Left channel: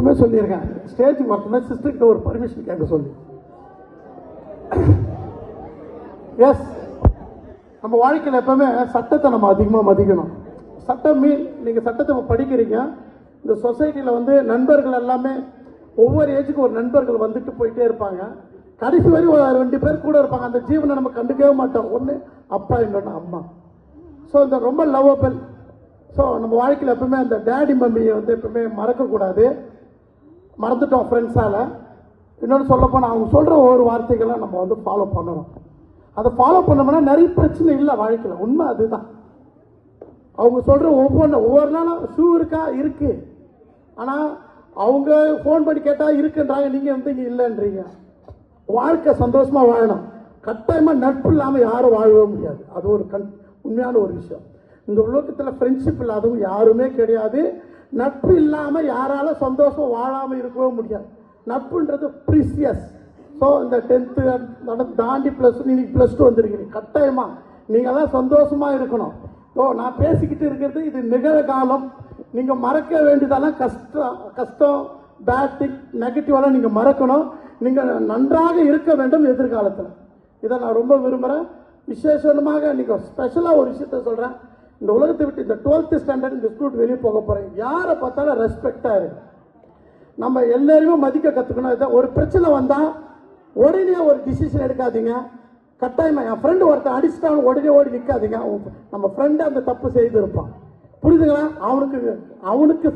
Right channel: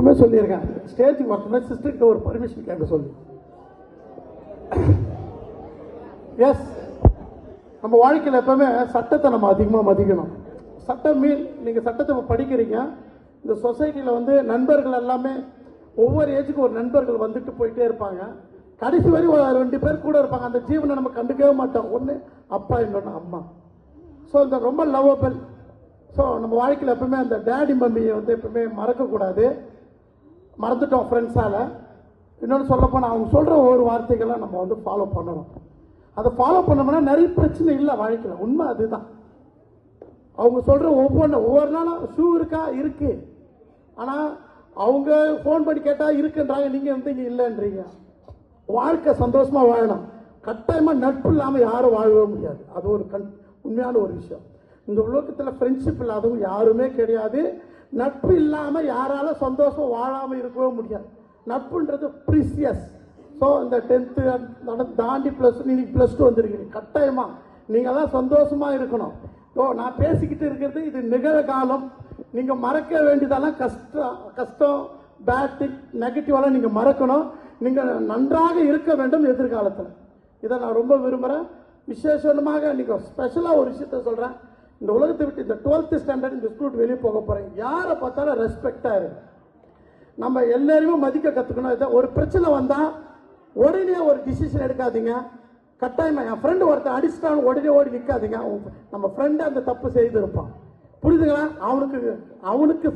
எப்பவுமே சொல்லியிருக்கேன், ஸ்டேஜுக்கு வரணும்னா சிஸ்டர்கிட்ட ஒரு பர்மிஷன் கேட்க சொல்லி. எஸ், நம்ம வாழ்க்கையில் எப்பவுமே சட்டத்தை நம்ம அதிகமாக மதிக்கணும். சட்டம் நீங்கள் சட்டத்தை படிக்கிறீங்க. இந்த சொசைட்டியில் வந்து நண்பர்கள் எல்லாமே ஒவ்வொரு ஏஜுக்கும் ஒரு நண்பர்கள் வந்துட்டு போயிட்டே இருப்பாங்க. கடைசி வரை ஒரு 2 பேர் கூட இருப்பாங்க. அந்த ஜீவனை நம்ம கண்டுக்கவே மாட்டோம். ஒன்று அப்பா, இன்னொன்று அம்மா. ஸோ இந்த ரொம்ப லவ்வபிள். ஸோ நம்ம வாழ்க்கையில் எப்பவுமே அந்த டேடி மம்மியை வந்து எப்பவுமே மறக்கக்கூடாது. மறந்துட்டோம் ஃப்ரெண்ட்ஸால். இன்னொன்று சொல்லப்போனால் அவங்க சொல்கிற ஒவ்வொரு வார்த்தைகள்லாம் நம்ம வந்து ஃபாலோ பண்ணணும். அதை ஃபாலோ பண்ணோம்னா நிறைய பிரச்சனை இல்லை வாழ்க்கையில். உண்மை அதுதான். அவங்க சொல்கிற ஒவ்வொரு நாளும் ஷூ இருக்கா இருக்கு, ஆனால் அவங்க ஃபோன் பண்ணி கேட்டால் இருக்குன்றாங்க, நீங்கள் வந்து இங்கே இல்லைன்றீங்க. வாழ்க்கை சந்தோஷமாக வாழணும். கட்டாயமாக நட்பு இல்லாமல் யாரும் வாழவே முடியாது. அது ஒரு உண்மையான ஒரு விஷயம். இந்த உலகத்தில் ஃப்ரெண்ட்ஷிப் இல்லாதவங்க யாருமே கிடையாது. நட்பு இல்லாமல் யாரால சந்தோஷம் வாழாமல் இருக்கவே முடியாது. நட்புன்றது ப்ரீசியஸ். ஸோ இந்த 10th தாண்டி நீங்கள் +2 வந்துருக்கீங்க. கட்டாயமாக நீங்கள் தான் சந்தோஷமாக இருக்கணும். ஸோ நான் பேசிக்கிட்டு இருக்கிறது இது நிகழ்காலம். நீங்கள் மறக்க வேண்டியதெல்லாம் கஷ்டம் பேட் திங் நெகட்டிவெல்லாம் நீங்கள் மறக்கணும். நீங்கள் நன்றாக இருக்க வேண்டும் எதிர்காலத்தில். இதை நான் ரொம்ப விரும்புகிறேன். விசேஷமாக நீங்கள் ஸ்பெஷலாக ஒரு விஷயத்த சொல்கிறேன். இந்த உலகத்தை விட்டு இந்த 12th ஸ்டாண்டர்ட் இந்த ஸ்டூடெண்ட் வெளியே போக போகிறேன். யாரை பார்த்தாலும் ரெஸ்பெக்டாக இருக்கு. நம்ம எல்லாருமே மதிக்க கற்றுக்கணும். இதான் ஒரு பிரச்சனை வந்தால் உடனே ஒரு டிசிஷன் எடுக்காதீங்க. கட்டாயமாக என் ஃப்ரெண்டு ஒருத்தன் அடிச்சுட்டாலும் உடனே ஓடி நிற்காதீங்க. நம்ம ஃப்ரெண்டு அந்த தப்பு செய்து இருப்பான். புரியுதுங்களா? அவனுக்கு